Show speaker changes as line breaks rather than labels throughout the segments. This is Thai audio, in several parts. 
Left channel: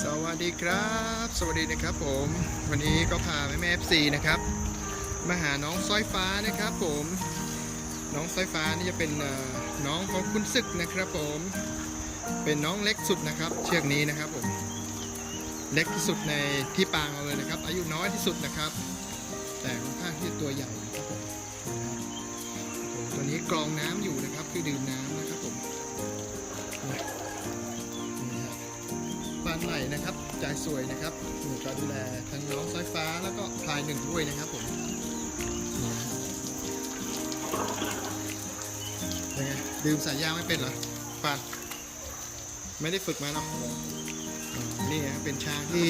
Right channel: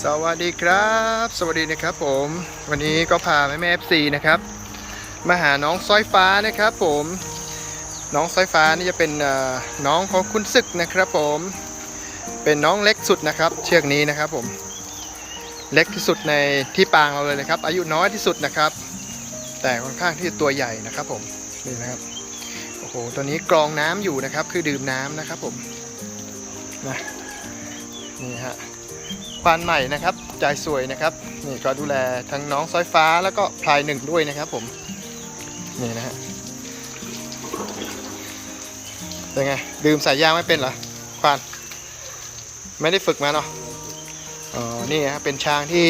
สวัสดีครับ สวัสดีนะครับผม วันนี้ก็พาแม่แม่เอฟซีนะครับ มาหาน้องสร้อยฟ้านะครับผม น้องสร้อยฟ้านี่จะเป็นน้องของคุณศึกนะครับผม เป็นน้องเล็กสุดนะครับ เชือกนี้นะครับผม เล็กที่สุดในที่ปางเราเลยนะครับ อายุน้อยที่สุดนะครับ แต่ค่อนข้างที่ตัวใหญ่นะครับผม นี่นะครับ โอ้โห ตัวนี้กรองน้ำอยู่นะครับ คือดื่มน้ำนะครับผม นะ นี่ฮะควานใหม่นะครับจ่ายสวยนะครับนี่ก็ดูแลทั้งน้องสายฟ้าแล้วก็พลายหนึ่งด้วยนะครับผมนี่นะฮะเป็นไงดื่มสายยางไม่เป็นเหรอควานไม่ได้ฝึกมาเนาะอ๋อนี่ฮะเป็นช้างที่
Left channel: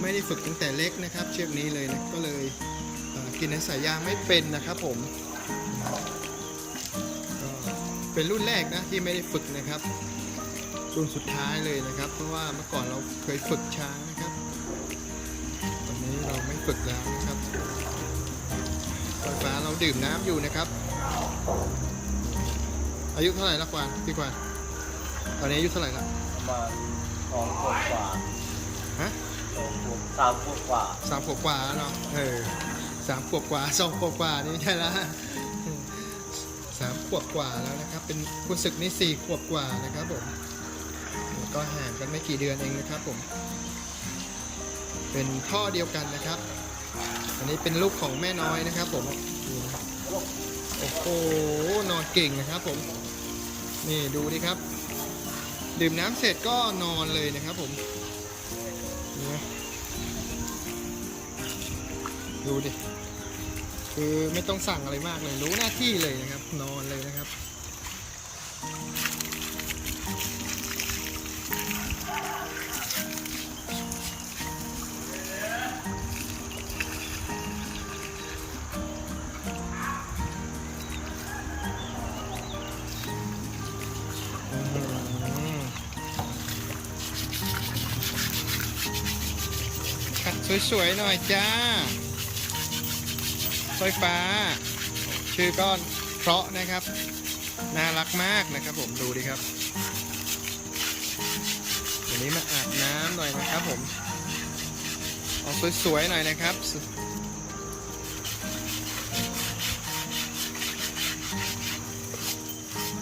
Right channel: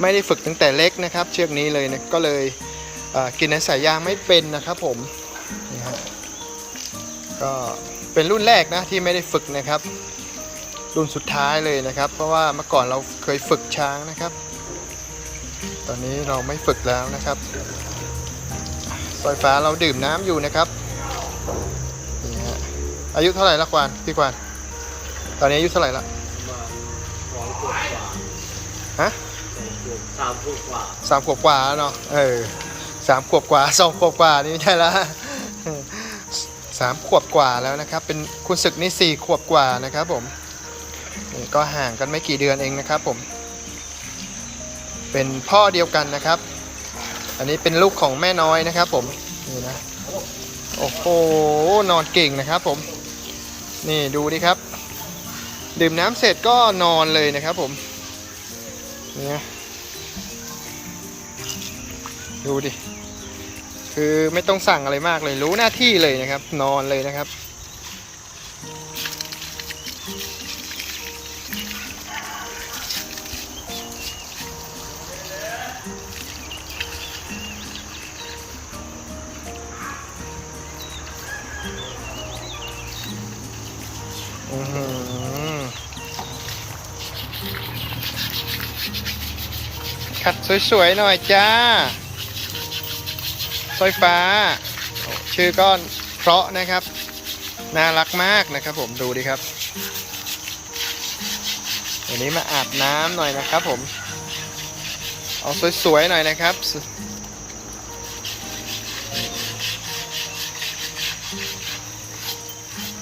ไม่ได้ฝึกตั้งแต่เล็กนะครับ เชือกนี้เลยนะก็เลยกินในสายยางไม่เป็นนะครับผมนี่ฮะก็เป็นรุ่นแรกนะที่ไม่ได้ฝึกนะครับ รุ่นสุดท้ายเลยนะครับ เพราะว่าเมื่อก่อนเราเคยฝึกช้างนะครับ ตอนนี้เราไม่ฝึกแล้วนะครับสายฟ้าเราดื่มน้ำอยู่นะครับนี่ฮะอายุเท่าไหร่ละควานพี่ควานตอนนี้อายุเท่าไหร่ละ
ประมาณสองขวบกว่า
ฮะ
สองขวบสามขวบกว่า
สามขวบกว่าแล้วเนาะเออสามขวบกว่าสองขวบกว่านี่ไม่ใช่ละสามขวบกว่าแล้วนะครับ เป็นคุณศึกนี่สี่ขวบกว่านะครับผม นี่ก็ห่างกันไม่กี่เดือนเองนะครับผม เป็นพ่อเดียวกันนะครับ อันนี้เป็นลูกของแม่น้อยนะครับ ผมนี่นะโอ้โหนอนเก่งนะครับผม นี่ดูดิครับ ดื่มน้ำเสร็จก็นอนเลยนะครับผมเนี่ยดูดิ คือไม่ต้องสั่งอะไรมากเลยรู้หน้าที่เลยนะครับ นอนเลยนะครับ ขัดสวยๆหน่อยจ้าสร้อยฟ้า ชื่อก้อนเพราะนะครับ น่ารักมากนะครับ ผมดูดิครับวันนี้มาอาบน้ำหน่อยนะครับผม เอาสวยๆหน่อยนะครับ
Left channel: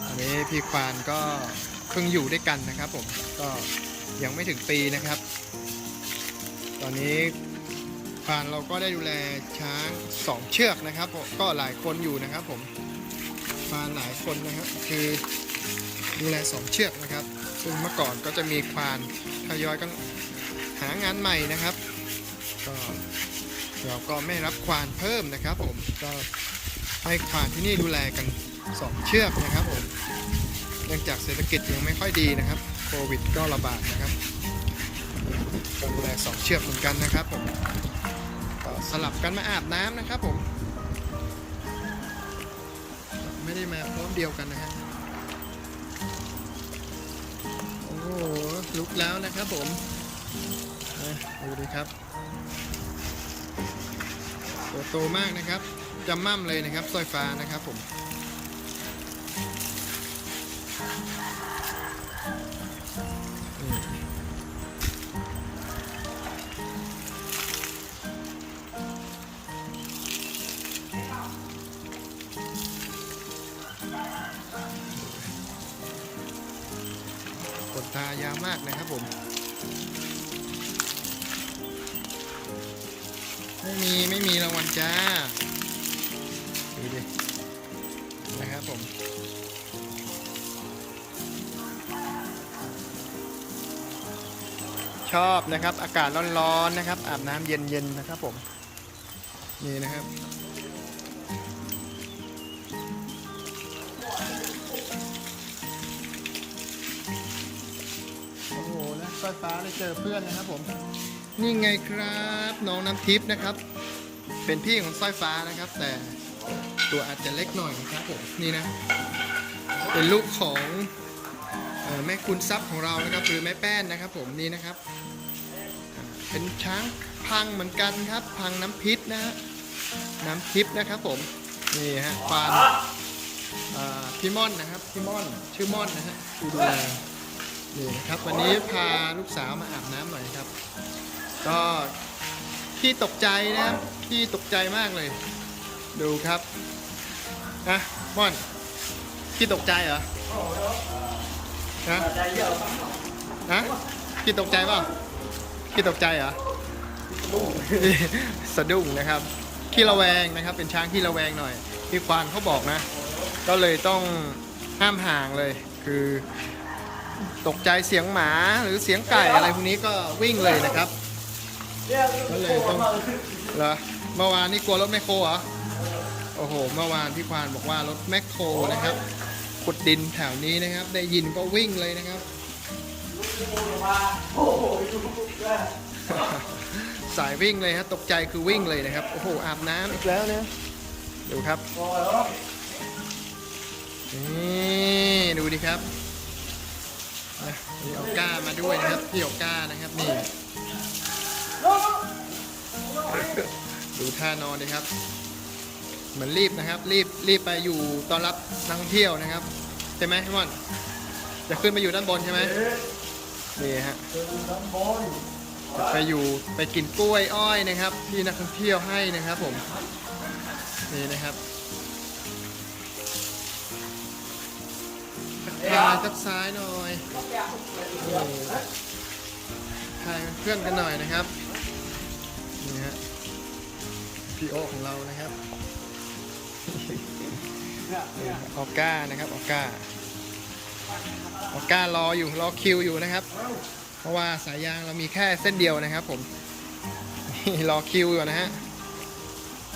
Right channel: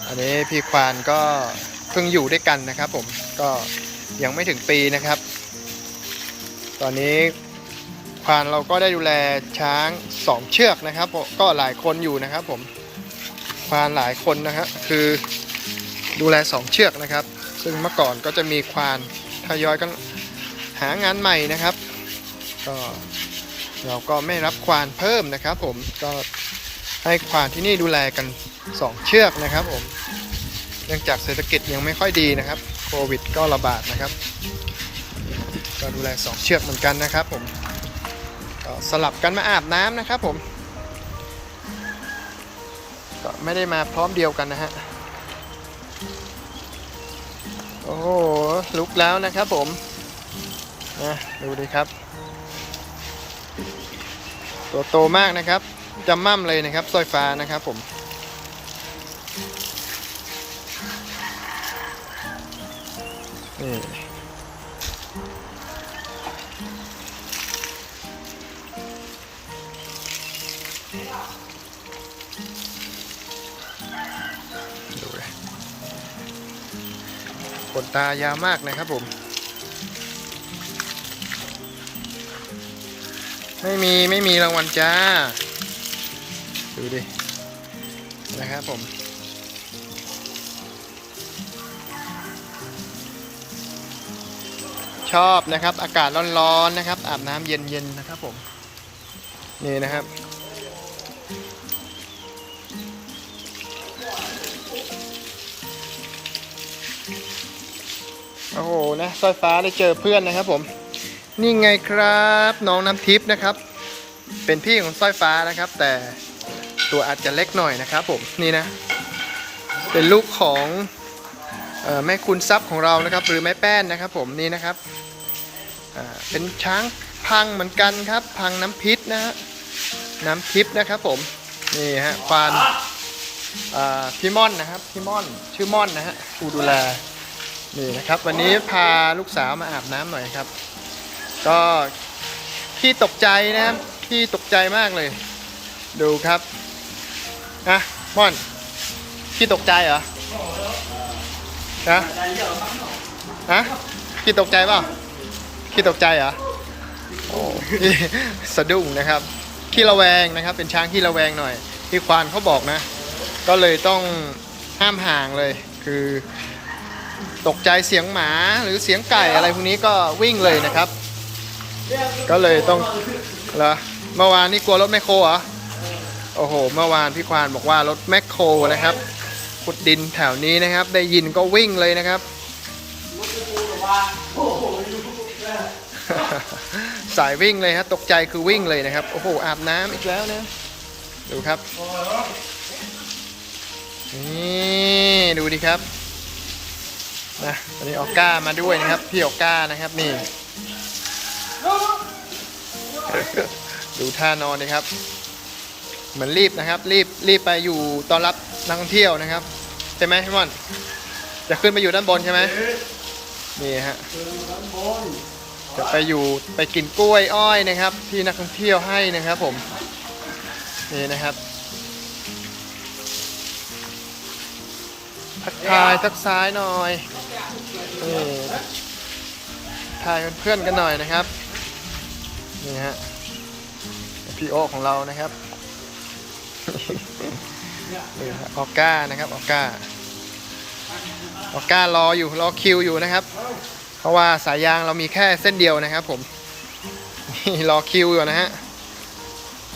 อันนี้พี่ควานก็เพิ่งอยู่ด้วยกันนะครับผมก็ยังไม่ถึงปีนะครับ ตอนนี้ควานเราก็ได้ดูแลช้างสองเชือกนะครับ ก็หลายคนอยู่นะครับผมควานหลายคนนะฮะคือดูแลสองเชือกนะครับ ซึ่งเมื่อก่อนก็จะมีควานทยอยกันหางานใหม่นะครับ ก็เราก็ไม่รับควานเพิ่มนะครับ ผมก็ให้ควานที่นี่ดูแลกันสองเชือกนะครับผมเนื่องจากเศรษฐกิจยังไม่ค่อยดีนะครับ โควิดก็ระบาดนะครับ ก็ดูแลสองเชือกเหมือนกันนะครับผมก็สลับกันมาอาบน้ำนะครับผม ก็ไม่ได้มาพร้อมเดียวกันนะฮะ โอ้โหลุกแล้วนะครับผมนะดูดิครับ ตัวโตมากนะครับจำม่ำเลยนะครับสร้อยฟ้านะครับผมนี่ดู นตายาวมากนะครับผม ไม่มีไม่มีรางวัลจ้า ดูดิ นะครับผมชอบนะครับ อากาศร้อนๆนะครับ อาบน้ำเย็นๆนะครับผม นี่นะครับ โอ้โหนะสร้อยฟ้าได้เจอเพื่อนนะครับผมนี่ไงครับน้องน้ำทิพย์นะครับ เป็นพี่ของสร้อยฟ้านะครับ แต่ตัวอาจจะเล็กหน่อยนะครับผมนี่นะ เป็นลูกของออแม่คุณทรัพย์ของเรานะครับ หรือแม่แป้นนะครับ ผมนี่นะครับเป็นช้างพังเหมือนกันครับ พังน้ำพิษนะฮะน้ำทิพย์นะครับผมนี่ฮะควานพี่ม่อนนะครับพี่ม่อนชื่อม่อนนะฮะผู้ดูแล นี่นะครับวันนี้พาลูกสาวมาอาบน้ำหน่อยครับ ก็ขี้ตกใจนะครับขี้ตกใจมากเลย ดูครับนะม่อนขี้ตกใจเหรอฮะฮะขี้ตกใจเปล่าขี้ตกใจเหรอโอ้สะดุ้งนะครับขี้ระแวงนะครับ เป็นช้างขี้ระแวงหน่อยที่ควานเขาบอกนะ ก็เลยต้องห้ามห่างเลยคือ ตกใจเสียงหมาหรือเสียงไก่อะไรพวกนี้ก็วิ่งเลยนะครับ ก็เลยต้องเหรอเมื่อวานนี่กลัวรถแมคโครเหรอโอ้โห เมื่อวานพี่ควานบอกว่ารถแมคโครนะครับขุดดินแถวนี้นะครับ ได้ยินก็วิ่งเลยนะครับสายวิ่งเลยฮะตกใจคือวิ่งเลยนะครับ โอ้โหอาบน้ำอีกแล้วเนะดูครับนี่ดูดิครับ นะวันนี้ออก้ามาด้วยนะครับ พี่ออก้านะครับนี่ ดูท่านอนเลยครับ เหมือนรีบนะครับ รีบรีบไปอยู่ต้อนรับนักท่องเที่ยวนะครับใช่ไหมพี่มอนจะขึ้นไปอยู่ด้านบนใช่ไหมนี่ฮะจะไปอยู่ไปกินกล้วยอ้อยนะครับ ที่นักท่องเที่ยวให้นะครับผมนี่นะครับ ทักทายทักซ้ายหน่อยนี่ายเพื่อนๆกันหน่อยนะครับ นี่ฮะพี่โอของเรานะครับออก้านะครับออก้าออก้ารออยู่รอคิวอยู่นะครับ เพราะว่าสายยางเรามีแค่เส้นเดียวนะครับ ผมนี่รอคิวอยู่นะฮะ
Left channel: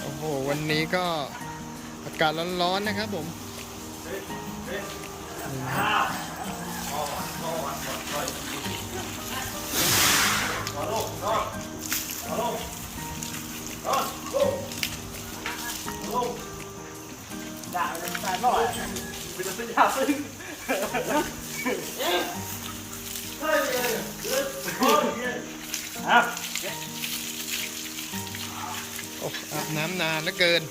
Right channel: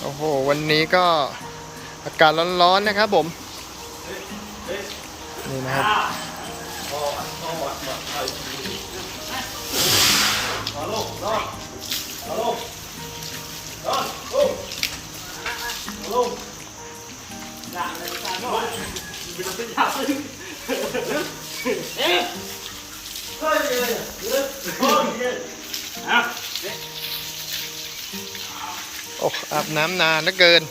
โอ้โหวันนี้ก็อากาศร้อนๆนะครับผม นี่นะครับโอ้อาบน้ำนานเหลือเกิน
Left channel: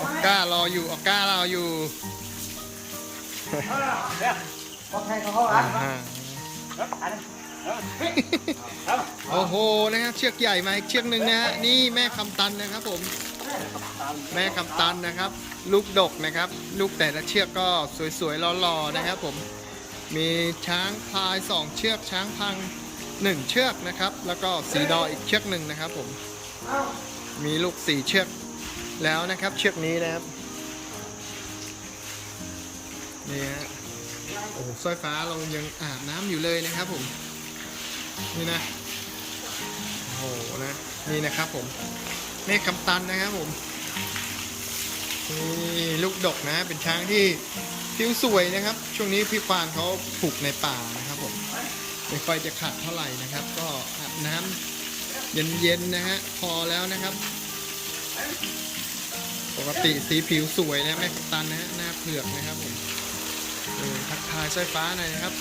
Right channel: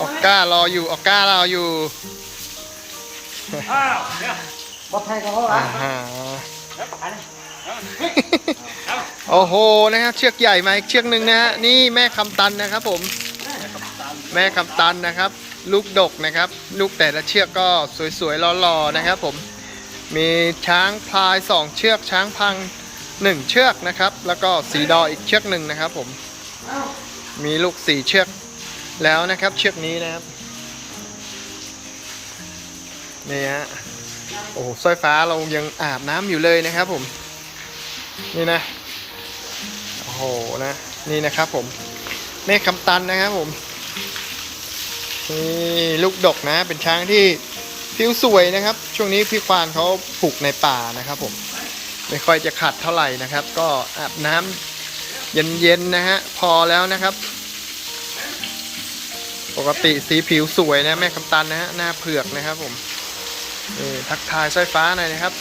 ออกก้ารออยู่ ออกก้ารออยู่ โอ้โหนะครับเชือกใหญ่มาอีกเชือกหนึ่งนะฮะนี่แม่คำตันนะครับผม แม่คำตันนะครับ ลูกดกนะครับ ลูกแต่ละเชือกก็สวยๆหล่อๆนะครับผมมีช้างพลายสองเชือกช้างพังหนึ่งเชือกนะครับ แล้วก็สีดออีกเชือกหนึ่งนะครับผมมีลูกสี่เชือกแล้วนะครับ เชือกนี้นะครับ นี่ฮะโอ้สร้อยฟ้าเรายังอาบน้ำอยู่เลยนะครับผม นี่นะโอ้โหนะนี่นะครับผมเมฆคำตันนะครับผมนี่ลูกดกนะเป็นช้างที่ผิวสวยนะครับ ช่วงนี้พี่ควานเขาผูกในป่านะครับผมไม่ค่อยจะขัดเท่าไหร่นะครับ ก็อาบน้ำเย็นๆนะฮะพอแล้วนะครับ ปกติสีผิวสวยนะแม่คำตันนะฮะหน้าเผือกนะครับผม ทักทายสร้อยฟ้าหน่อยนะครับ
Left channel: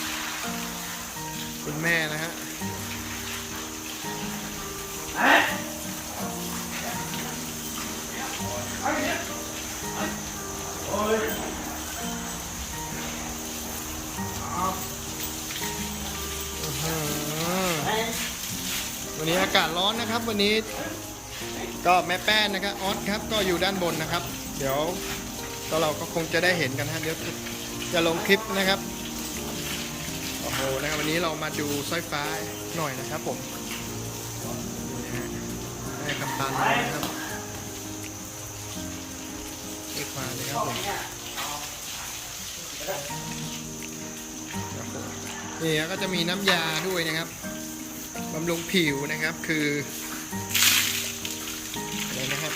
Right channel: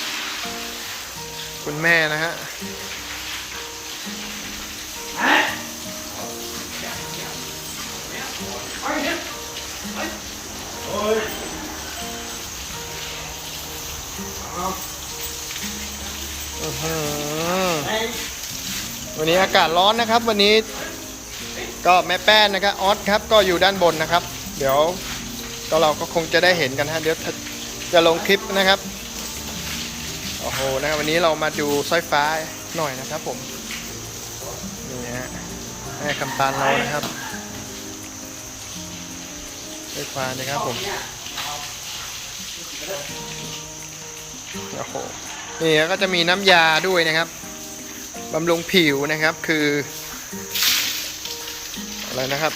คุณแม่นะฮะอื้อหือวันนี้อากาศร้อนนะครับ วันนี้ก็แม่แป้นนะครับออสครับก็อยู่ด้านบนนะครับ เดี๋ยวก็เราก็คงจะได้เห็นกันฮะเดี๋ยว จะลงคลิปนะครับ โอ้โหนะครับวันนี้เรามาดูสร้อยฟ้าหน่อยนะครับผม นี่ฮะแม่คำตาลเรานะครับสร้อยฟ้านะครับผม โอ้โห นี่ก็จะมีน้ำยาด้วยนะครับบำรุงผิวนะครับคือ อะไรนะครับ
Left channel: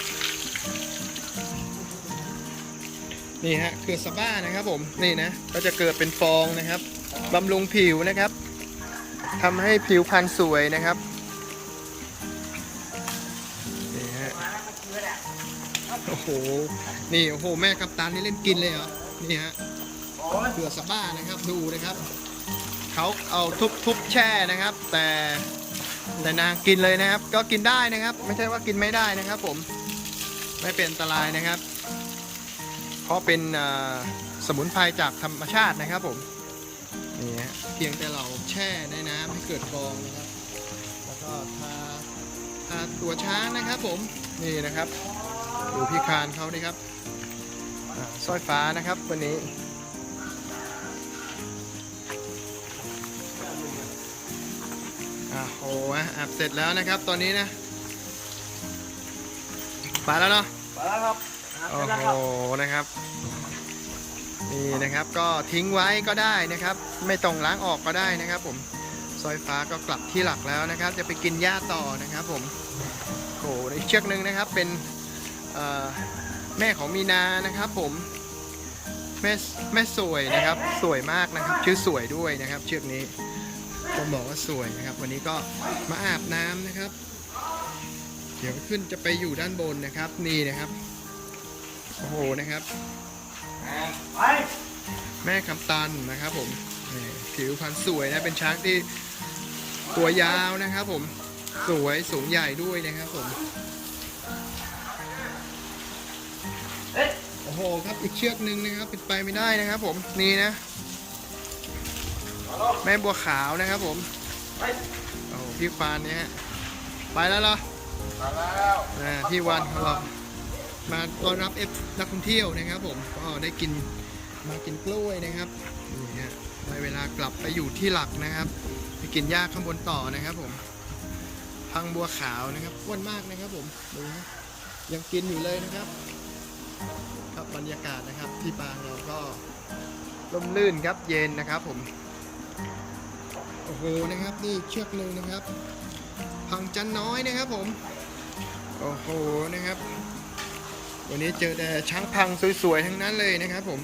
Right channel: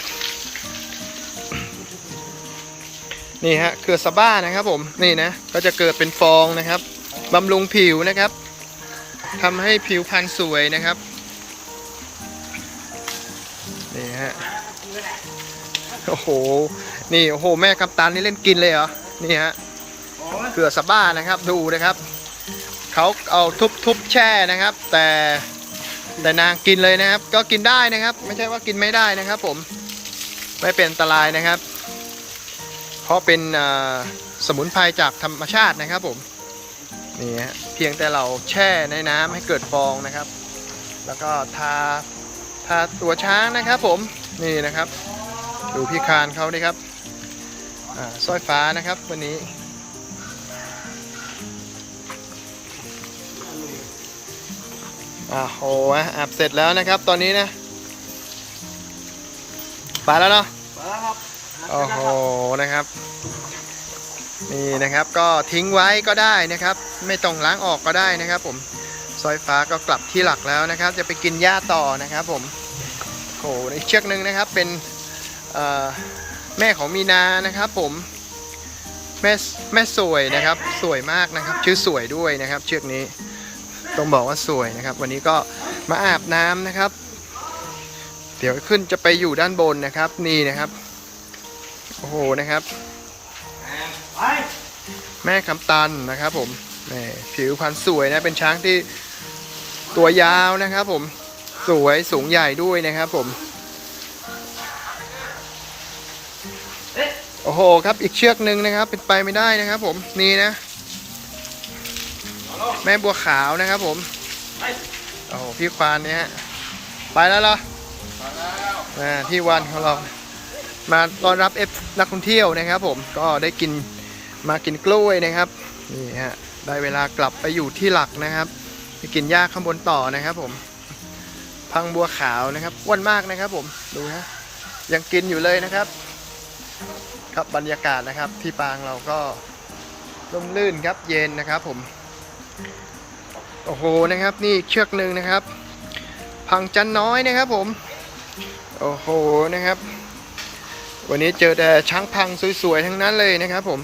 นี่ฮะคือสบ้านะครับผมนี่นะก็จะเกิดเป็นฟองนะครับบำรุงผิวนะครับทำให้ผิวพรรณสวยนะครับนี่ฮะโอ้โหนี่โอ้โหแม่กัปตันนี่เล่นกินเลยเหรอนี่ฮะเกลือสบ้านะครับดูนะครับเขาเอาทุบทุบแช่นะครับ แต่แต่นางกินเลยนะครับ ก็กินได้นะครับ ไม่ใช่ว่ากินไม่ได้นะครับ ผมไม่เป็นอันตรายนะครับ เพราะเป็นสมุนไพรจากธรรมชาตินะครับผมนี่ฮะเพียงแต่เราแช่ในน้ำให้เกิดฟองนะครับ แล้วก็ทาทาตัวช้างนะครับผมนี่นะครับ ดูพี่คานเขาดิครับสร้อยฟ้านะครับวันนี้อ่าโหอะอาบเสร็จแล้วนะครับตอนนี้นะไปแล้วเนาะ โอ้โหนะครับ นี่นะครับก็ทิ้งไว้ก็ได้นะครับ ไม่ต้องล้างออกก็ได้นะครับ ผมซอยฟ้าก็กลับที่หลักแล้วนะครับ จะไปกินหญ้าต่อนะครับ ผมโอ้โหอีกเชือกหนึ่งนะครับเป็นแม่ของมีนานะครับผมแม่แม่สวยนะครับ สวยมากนะครับ ชื่อสวยด้วยนะครับ เชือกนี้ต้องบอกว่าสวยนะครับ วันนี้ก็มาอาบน้ำนะครับ เดี๋ยวขึ้นจะไปอยู่ด้านบนนะครับ นี่นะครับ โอ้โหนะครับ
ไป
แม่คำตันนะครับ ผมนี่ผิวพรรณสวยนะเป็นช้างที่ตัวยาวนะครับ ผมสวยสูงใหญ่ด้วยนะครับผมโอ้โหครับอีกเชือกหนึ่งนะครับเป็นไปไม่ได้นะครับ ผมนี่นะ แม่บัวขาวนะครับ ผม
ไป
โอ้โหพี่ควานเนี่ยฮะไปแล้วเหรอ
มาแล้ว
อ่าพี่วันของเรา มาต้อนรับเอฟนักท่องเที่ยวนะครับ ผมก็ได้กินมากินกล้วยนะครับนี่ฮะได้เวลากลับไปอยู่ที่หลักนะครับไปกินหญ้าข้างบนต่อนะครับ ผม พังบัวขาวนะครับอ้วนมากนะครับ ผมดูฮะยังกินอยู่เลยนะครับ ครับบรรยากาศนะครับ ที่ปางเราก็ร่มรื่นครับเย็นนะครับ ผมโอ้โหนะครับ นี่เชือกหนึ่งนะครับ พังจันน้อยนะครับ ผม โอ้โหนะครับ วันนี้เจอแต่ช้างพังสวยๆทั้งนั้นเลยนะครับผม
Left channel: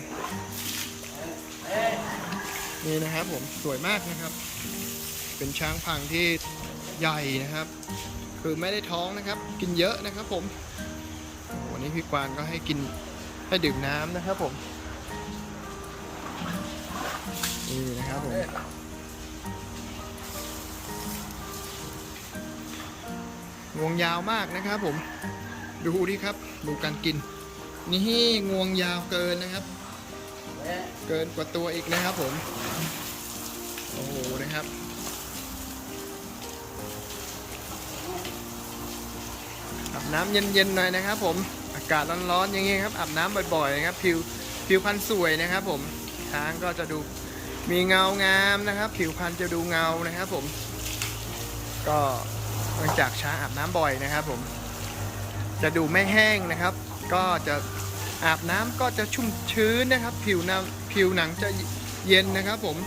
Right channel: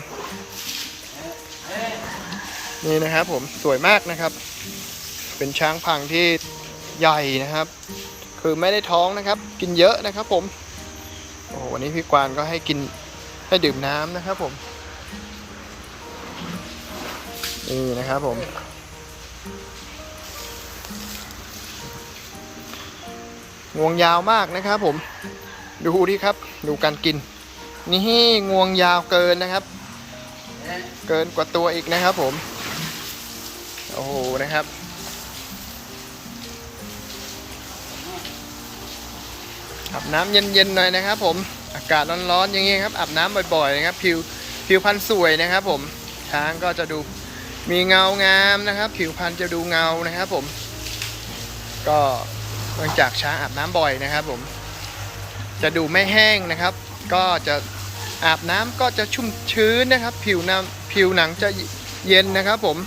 นี่นะครับผมสวยมากนะครับ เป็นช้างพังที่ใหญ่นะครับ คือไม่ได้ท้องนะครับ กินเยอะนะครับผมโอ้วันนี้พี่กวานก็ให้กินให้ดื่มน้ำนะครับผมนี่นะครับผมงวงยาวมากนะครับผม ดูดิครับ ดูการกิน นี่งวงยาวเกินนะครับ เกินกว่าตัวอีกนะครับผม โอ้โหนะครับอาบน้ำเย็นๆหน่อยนะครับ ผมอากาศร้อนๆอย่างเงี้ยครับอาบน้ำบ่อยๆนะครับผิวผิวพรรณสวยนะครับ ผมช้างก็จะดูมีเงางามนะครับ ผิวพรรณจะดูเงานะครับ ผม ก็เนื่องจากช้างอาบน้ำบ่อยนะครับ ผม จะดูไม่แห้งนะครับ ก็จะอาบน้ำก็จะชุ่มชื้นนะครับ ผิวน้ำผิวหนังจะเย็นนะครับ ผม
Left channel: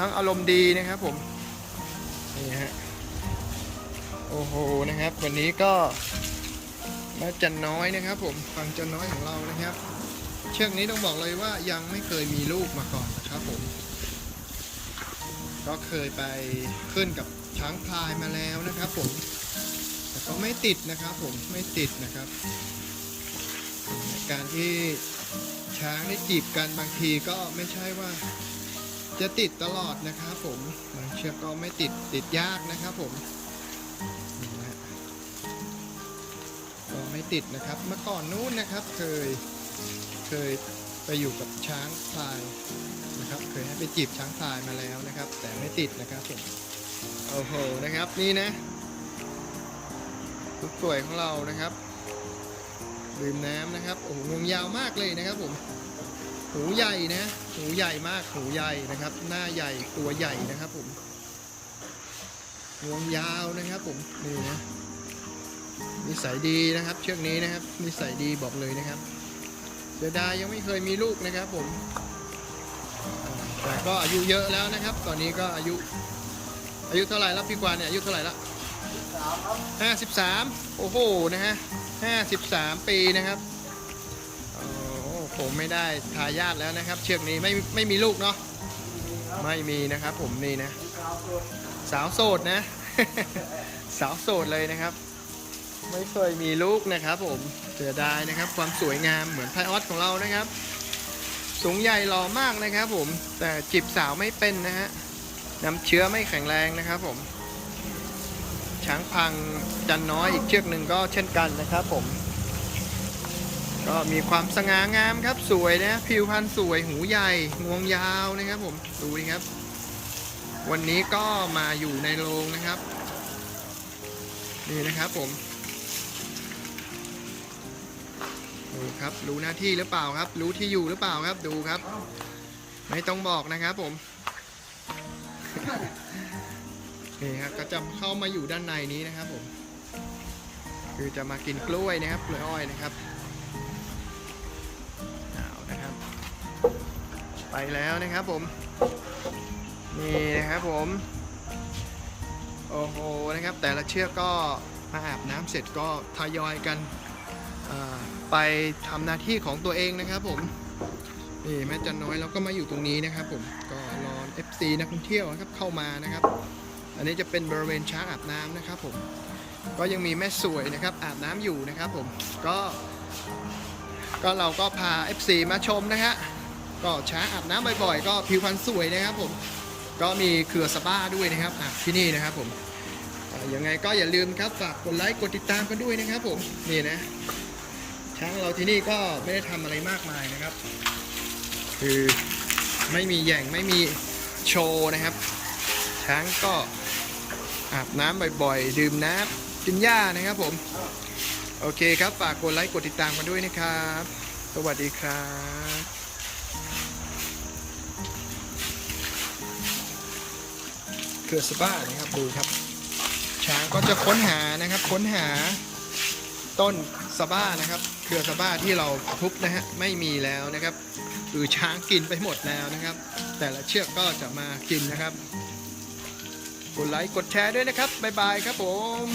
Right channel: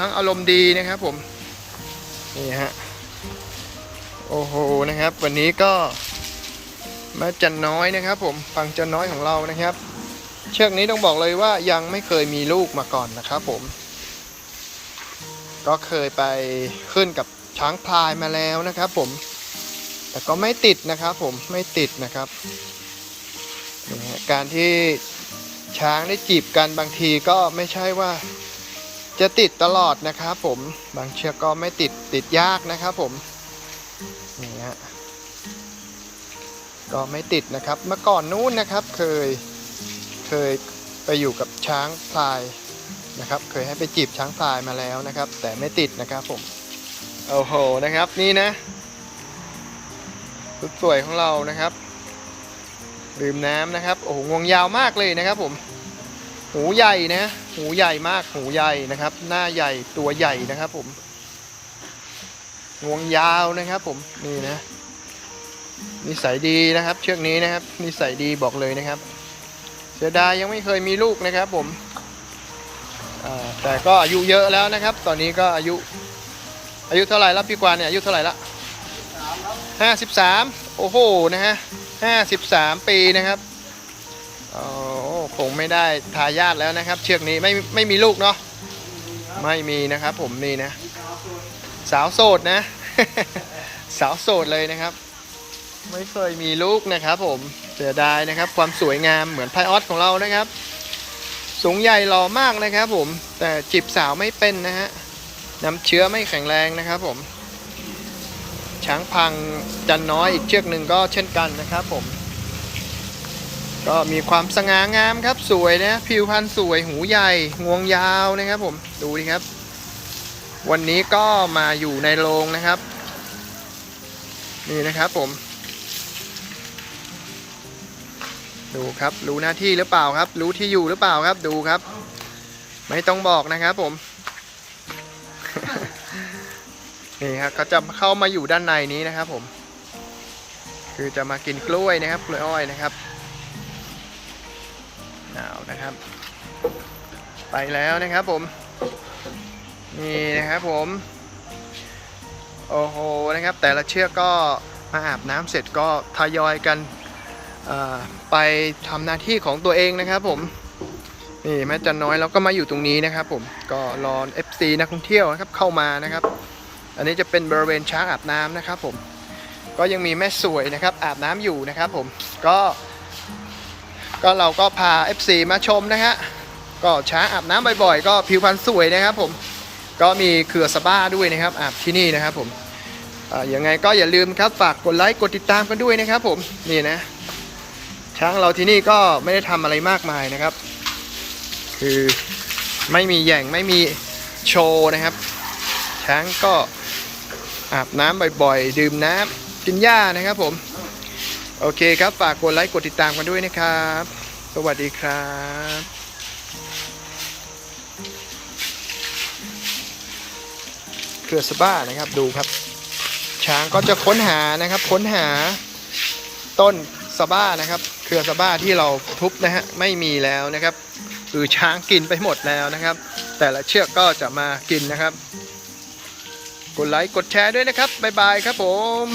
ทั้งอารมณ์ดีนะครับ ผมนี่ฮะโอ้โหนะครับ วันนี้ก็มาจันน้อยนะครับ ผมฟังจันน้อยของเรานะครับ เชือกนี้ต้องบอกเลยว่ายังไม่เคยมีลูกมาก่อนนะครับผม ก็เคยไปขึ้นกับช้างพลายมาแล้วนะครับ ผม แต่ก็ไม่ติดนะครับผมไม่ติดนะครับ การที่ช้างได้จีบกันบางทีก็ไม่ใช่ว่าจะติดตลอดนะครับผมบางเชือกก็ไม่ติดติดยากนะครับผมนี่ฮะก็ไม่ติดนะครับเมื่อก่อนนู้นนะครับเคยเคยไปอยู่กับช้างพลายนะครับ เคยให้ไปจีบช้างพลายมาแล้วนะครับ แต่ไม่ติดนะครับผมโอ้โหนะครับนี่นะ สุดสวยของเรานะครับดื่มน้ำนะครับโอ้โหงวงยาวมากเลยนะครับ ผม หูใหญ่นะ หูใหญ่มากหูใหญ่นะครับ หน้าใหญ่ตัวใหญ่นะครับ ผมงวงยาวนะครับ ผมนี่นะนิสัยดีนะครับ เชือกนี้นะครับนิสัยดีบอกเลยนะครับเสียดายยังไม่เคยมีลูกนะครับ ผมแต่ก็อายุเยอะแล้วนะครับ ตอนนี้ก็อายุ อายุเท่าไหร่ล้วพี่กวานเนี่ยอายุเท่าไหร่ละ ห้าสิบสามโอ้โห นะฮะห้าสิบสามปีนะครับโอ้คงไม่ได้ทายาทแล้วนะครับ เชือกนี้ไม่ไม่มีลูกเนาะ ไม่มีนะครับผมนี่นะ สาวโสดนะ สาวโสดเลยนะครับ ไม่เคยมีลูกนะครับผม เสียดายนะครับ ความสวยงามเหมือนไพออสของเรานะครับ สูงใหญ่หล่อมากนะครับผม แต่จีบสาวไม่เป็นนะฮะ น้ำเชื้อไม่แข็งแรงนะครับผม ช้างพังจันน้อยอีกเชือกหนึ่งก็เช่นกันนะครับผม ก็มีความสง่างามครับสวยนะผิวพรรณสวยหูใหญ่งวงยาวนะครับผมดูดิครับ วันนี้ก็มาอยู่ในโรงนะครับ นี่นะครับผม ดูครับรู้หน้าที่หรือเปล่าครับ รู้ที่อยู่หรือเปล่าครับดูครับ ไม่ต้องบอกนะครับผม นี่ครับก็จะเข้ามาอยู่ด้านในนี้นะครับผม คือจะมากินกล้วยนะครับกล้วยอ้อยนะครับหนาวนะครับ ไปแล้วนะครับผม นี่นะครับผม โอ้โหนะครับ แต่ละเชือกก็มาอาบน้ำเสร็จก็ทยอยกันไปทำหน้าที่ของตัวเองนะครับผมนี่แม่จันน้อยเราก็มาอยู่ตรงนี้นะครับผมก็รอ FC นักท่องเที่ยวนะครับเข้ามานะครับ อันนี้จะเป็นบริเวณช้างอาบน้ำนะครับผม ก็ยังมีแม่สวยนะครับอาบน้ำอยู่นะครับผม ก็ ก็เราก็พา FC มาชมนะฮะ ก็ช้างอาบน้ำบ่อยๆ ก็ผิวพรรณสวยนะครับผม ก็มีเขื่อสบ้าด้วยนะครับอาบที่นี่นะครับผมอ่ายังไงก็อย่าลืมครับฝากกดไลค์กดติดตามกันด้วยนะครับผม นี่นะ ช้างเราที่นี่ก็ไม่ได้ทำอะไรมากมายนะครับ คือไม่มีแย่งไม่มีโชว์นะครับ ช้างก็ อาบน้ำบ่อยๆ ดื่มน้ำกินหญ้านะครับผม โอเคครับฝากกดไลค์กดติดตามกันด้วยนะครับ สวัสดีครับเครือสบ้านะครับดูครับ ช้างก็จะค้นหานะครับค้นหาต้นสบ้านะครับ เครือสบ้าที่เราทุบนะฮะไม่มีแล้วนะครับคือช้างกินไปหมดแล้วนะครับ แต่ละเชือกก็จะมากินนะครับ ดไลค์กดแชร์ด้วยนะครับบ๊ายบายครับผม